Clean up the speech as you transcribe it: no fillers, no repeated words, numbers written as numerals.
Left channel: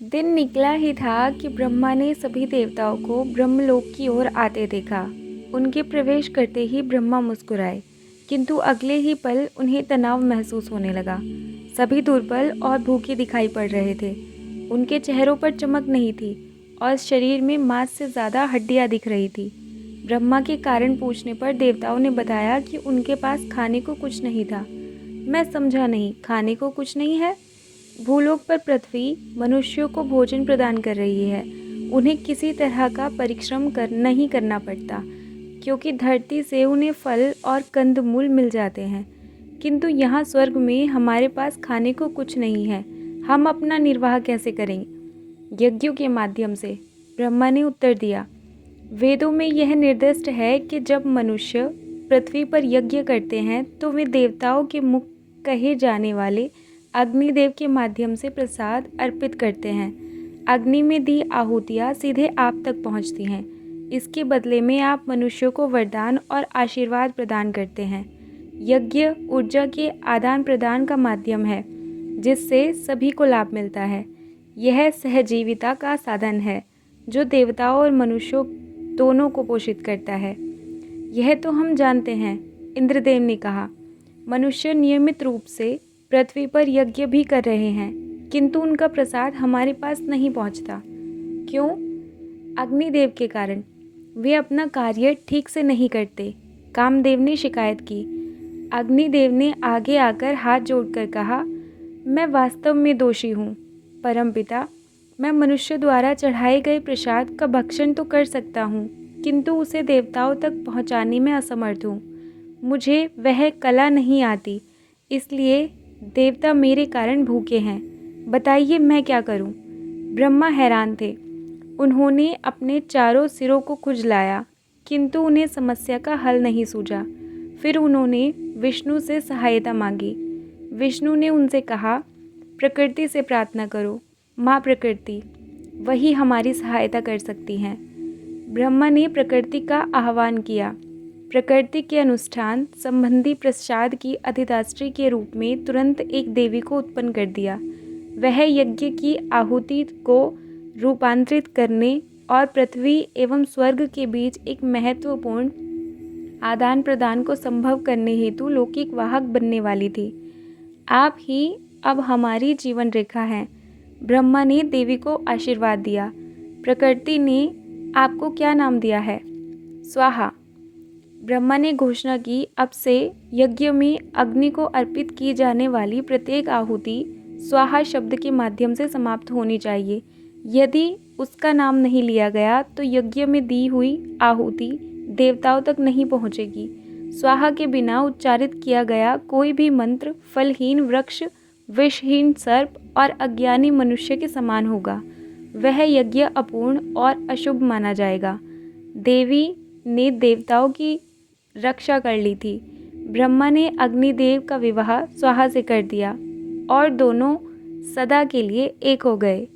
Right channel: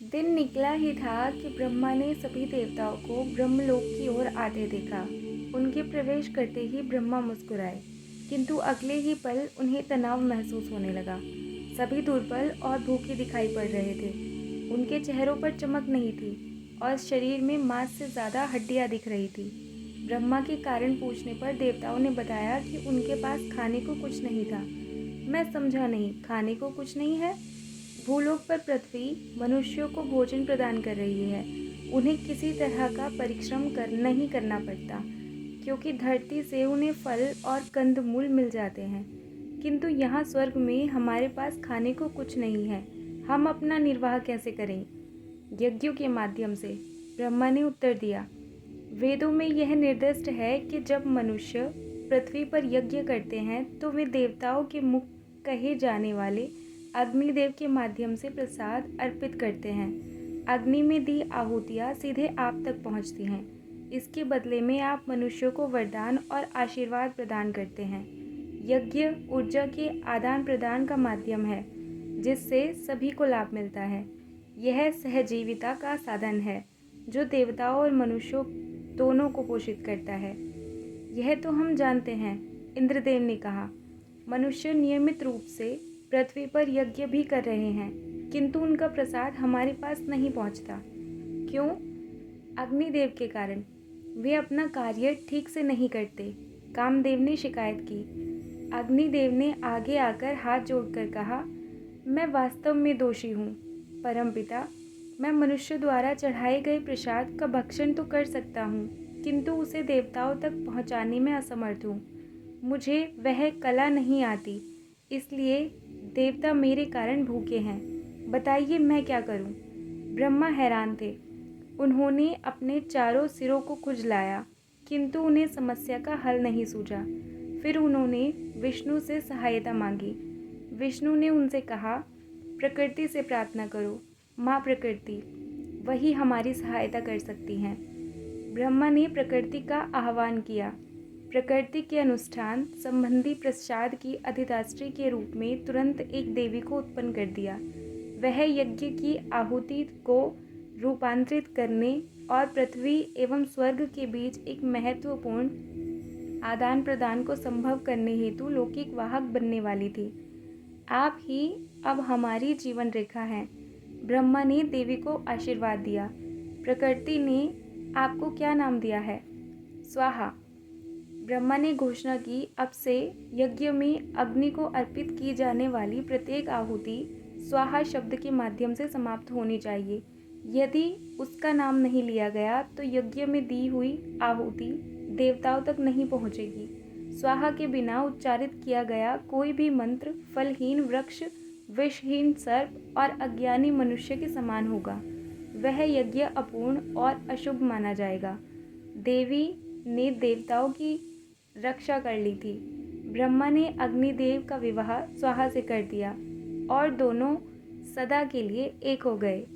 दिन निकला ही था कि ब्रह्मा ने सभी देवताओं को ब्रह्मलोक की ओर आते देखा। उनके प्रवेश करते ही ब्रह्मा मुस्कुराए, किंतु अगले ही पल उन्हें तनाव महसूस होने लगा। सभी दुर्बल और भूखे दिखाई पड़ रहे थे। उनके चेहरों पर चमक नहीं थी और शरीर में मांस से ज़्यादा हड्डियां दिख रही थी। ब्रह्मा के कारण पूछने पर देवताओं ने बताया कि उनके पास खाने को कुछ नहीं था। मैं समझा नहीं, खाने को कुछ नहीं है? भूलोक पर पृथ्वी मनुष्यों को भोजन प्रदान कर रही है। उन्हें किसी तरह का परिश्रम नहीं करना पड़ता, क्योंकि धरती से उन्हें फल और कंदमूल मिल जाते हैं। किंतु यहाँ स्वर्ग में हमारे पास खाने को कुछ नहीं है। हम अपना निर्वाह कैसे करें? यज्ञों के माध्यम से, ब्रह्मा ने उत्तर दिया। वेदों में यह निर्दिष्ट है कि जब मनुष्य पृथ्वी पर यज्ञ करते हैं तो वे देवताओं के मुख कहे जाने वाले अग्निदेव के माध्यम से प्रसाद अर्पित करते हैं। अग्नि में दी आहुतियाँ सीधे आप तक पहुँचती हैं। इसके बदले में आप मनुष्यों को वरदान और आशीर्वाद प्रदान करते हैं। यज्ञ ऊर्जा के आदान प्रदान का माध्यम है, जिससे सभी को लाभ मिलता है। यह सहजीविता का साधन है, जो देवताओं और मनुष्यों दोनों को पोषित करता है। यह तो हम जानते हैं, इंद्रदेव ने कहा। मनुष्य नियमित रूप से पृथ्वी पर यज्ञ भी कर रहे हैं, किंतु उनका प्रसाद हमारे पास नहीं पहुंचता। क्यों? अग्निदेव के कारण। वे अपना कार्य ठीक से नहीं करते, कामदेव ने शिकायत की। अग्निदेव ने आगे आकर हाथ जोड़कर कहा, मैं वास्तव में दोषी हूँ परमपिता। मैं मनुष्य द्वारा चढ़ाए गए प्रसाद का भक्षण तो कर सकता हूँ, किंतु उसे देवताओं तक पहुँचाने में असमर्थ हूँ। मुझे वह कला नहीं आती, इसलिए देवता मेरे कारण भूखे हैं। बताइए मैं क्या करूं? ब्रह्मा हैरान थे। उन्होंने अपने चारों सिरों को खुजलाया, किंतु उन्हें समस्या का हल नहीं सूझा। फिर उन्होंने विष्णु से सहायता मांगी। विष्णु ने उनसे कहा, प्रकृति से प्रार्थना करो। माँ प्रकृति, वही हमारी सहायता कर सकती हैं। ब्रह्मा ने प्रकृति का आह्वान किया। प्रकृति के अनुष्ठान संबंधी प्रसाद की अधिदात्री के रूप में तुरंत एक देवी को उत्पन्न कर दिया। वह यज्ञ की आहुति को रूपांतरित करने और पृथ्वी एवं स्वर्ग के बीच एक महत्वपूर्ण आदान प्रदान को संभव करने हेतु लौकिक वाहक बनने वाली थी। आप ही अब हमारी जीवन रेखा हैं। ब्रह्मा ने देवी को आशीर्वाद दिया। प्रकृति ने आपको क्या नाम दिया है? स्वाहा। ब्रह्मा ने घोषणा की, अब से यज्ञ में अग्नि को अर्पित की जाने वाली प्रत्येक आहुति स्वाहा शब्द के माध्यम से समाप्त होनी चाहिए। यदि उसका नाम नहीं लिया गया तो यज्ञ में दी हुई आहुति देवताओं तक नहीं पहुँचेगी। स्वाहा के बिना उच्चारित किया गया कोई भी मंत्र फलहीन वृक्ष, विषहीन सर्प और अज्ञानी मनुष्य के समान होगा। वह यज्ञ अपूर्ण और अशुभ माना जाएगा। देवी ने देवताओं की रक्षा कर ली थी। ब्रह्मा ने अग्निदेव का विवाह स्वाहा से कर दिया और दोनों सदा के लिए एक हो गए।